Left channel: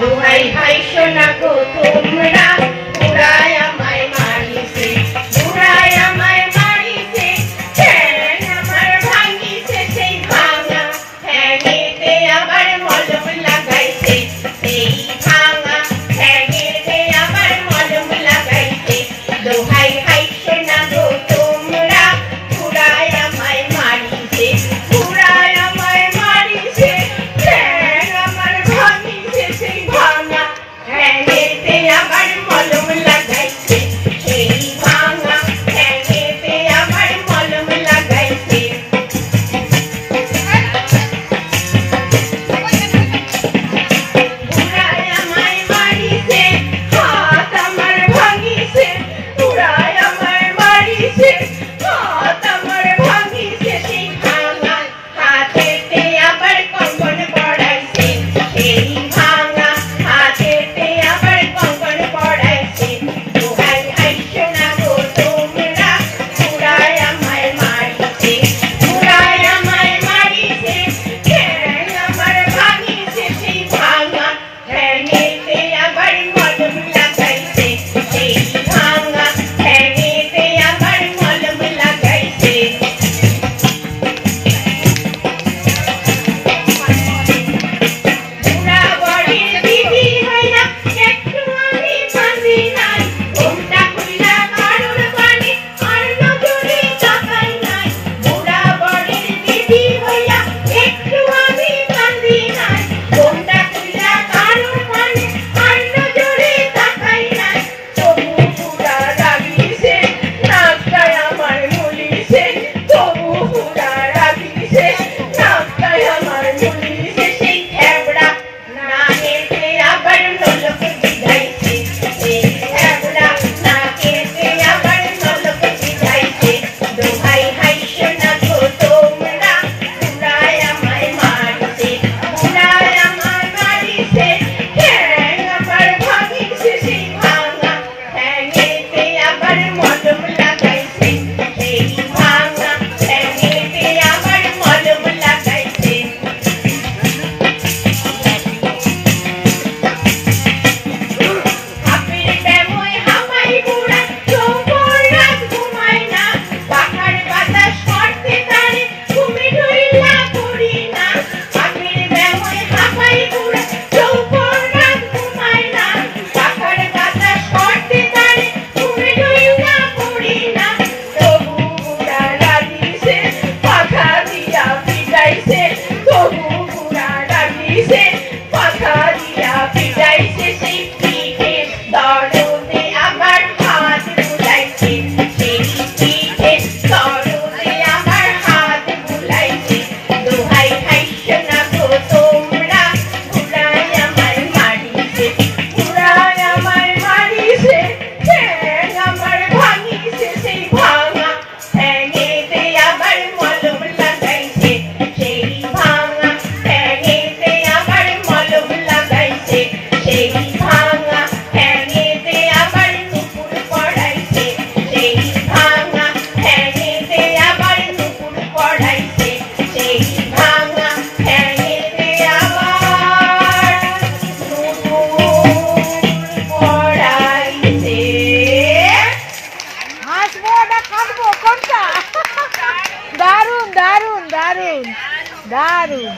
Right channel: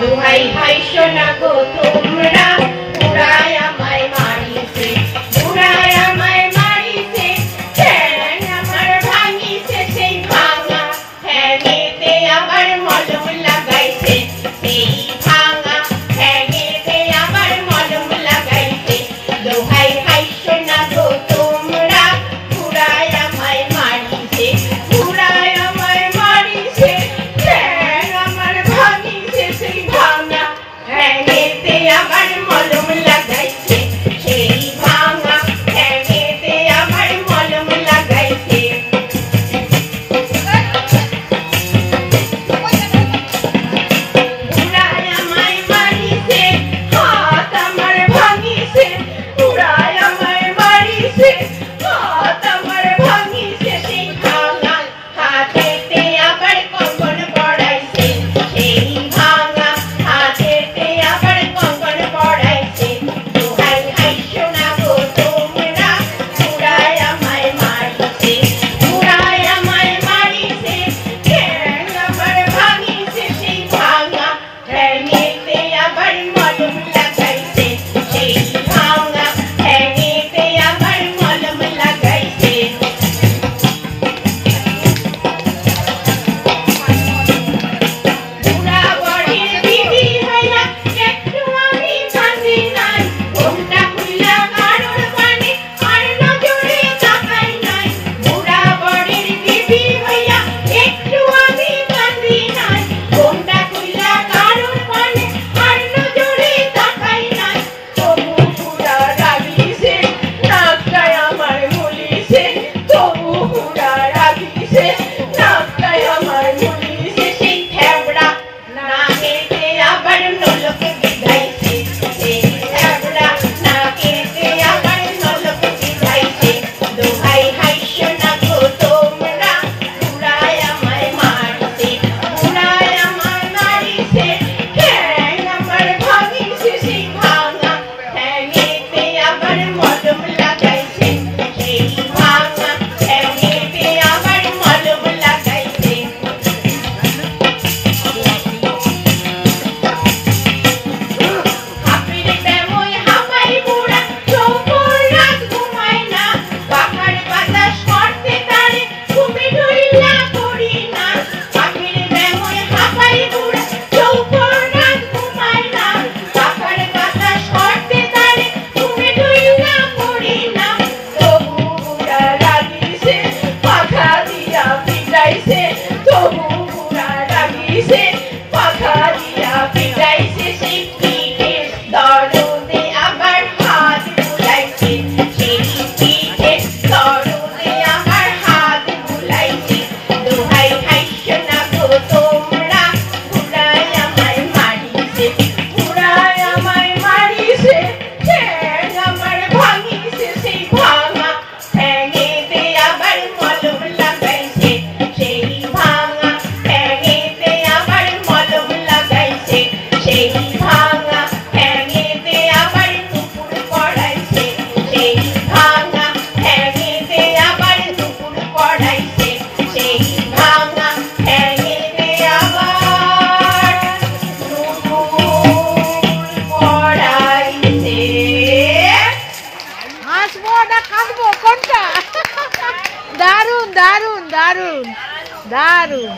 দোহাই হাই সোনা গো তোমরা পুরায় আমায় মারিছে পুরায় আমায় মারিছে ঠ্যাং আমার ভাঙিছে সেই ভাঙা ঠ্যাঙেতে আবার মলম লাগাইছে সেই ভাঙা ঠ্যাঙেতে আবার মলম লাগাইছে দোহাই হাই সোনা গো তোমরা পুরায় আমায় মারিছে পুরায় আমায় মারিছে ঠ্যাং আমার ভাঙিছে সেই ভাঙা ঠ্যাঙেতে আবার মলম লাগাইছে সেই ভাঙা ঠ্যাঙেতে আবার মলম লাগাইছে পুরায় আমায় মারিছে হাত আমার ভাঙিছে পুরায় আমায় মারিছে হাত আমার ভাঙিছে সেই ভাঙা হাতেতে আবার কঙ্কন পড়াইছে সেই ভাঙা হাতেতে আবার কঙ্কন পড়াইছে দোহাই হাই সোনা গো তোমরা পুরায় আমায় মারিছে পুরায় আমায় মারিছে ঠ্যাং আমার ভাঙিছে সেই ভাঙা ঠ্যাঙেতে আবার মলম লাগাইছে সেই ভাঙা ঠ্যাঙেতে আবার মলম লাগাইছে পুরা বডির বিধি হইয়া একটু আমি বাঁধি নাই ঘোমটা খুইলা কারোর বাণী আর নজরে তাকাই নাই পুরা বডির বিধি হইয়া একটু আমি বাঁধি নাই ঘোমটা খুইলা কারোর বাণী আর নজরে তাকাই নাই তবু পুরা রাগিছে নাকটায় আমার মুলিছে তবু পুরা রাগিছে নাকটায় আমার মুলিছে সেই থ্যাবড়া নাকেতে আবার নলক বিধাইছে সেই থ্যাবড়া নাকেতে আবার নলক বিধাইছে দোহাই হাই সোনা গো তোমরা পুরায় আমায় মারিছে পুরায় আমায় মারিছে ঠ্যাং আমার ভাঙিছে সেই ভাঙা ঠ্যাঙেতে আবার মলম লাগাইছে সেই ভাঙা ঠ্যাঙেতে আবার মলম লাগাইছে হাপির প্রেময় হাপাই বুড়া চৌকর রাত ঘুমায় না পাখার বাতাস করতে তারে ঘুমে ঢুইলা করি না হাপির প্রেময় হাপাই বুড়া চৌকর রাত ঘুমায় না পাখার বাতাস করতে তারে ঘুমে ঢুইলা করি না তবু বুড়া রাগিছে পাখা দিয়া পিটাইছে তবু বুড়া রাগিছে পাখা দিয়া পিটাইছে সেই পিঠে দরদে আবার হাত বুলাইছে সেই পিঠে দরদে আবার হাত বুলাইছে দোহাই হাই সোনা গো তোমরা পুরায় আমায় মারিছে পুরায় আমায় মারিছে ঠ্যাং আমার ভাঙিছে সেই ভাঙা ঠ্যাঙেতে আবার মলম লাগাইছে সেই ভাঙা ঠ্যাঙেতে আবার মলম লাগাইছে সেই ভাঙা ঠ্যাঙেতে আবার নুপুর পড়াইছে সেই ভাঙা ঠ্যাঙেতে আবার নুপুর পড়াইছে সেই ভাঙা ঠ্যাঙেতে আবার নুপুর পড়াইছে হাসবো না কাঁদবো কোনটা? দারুণ দারুণ দারুণ দারুণ।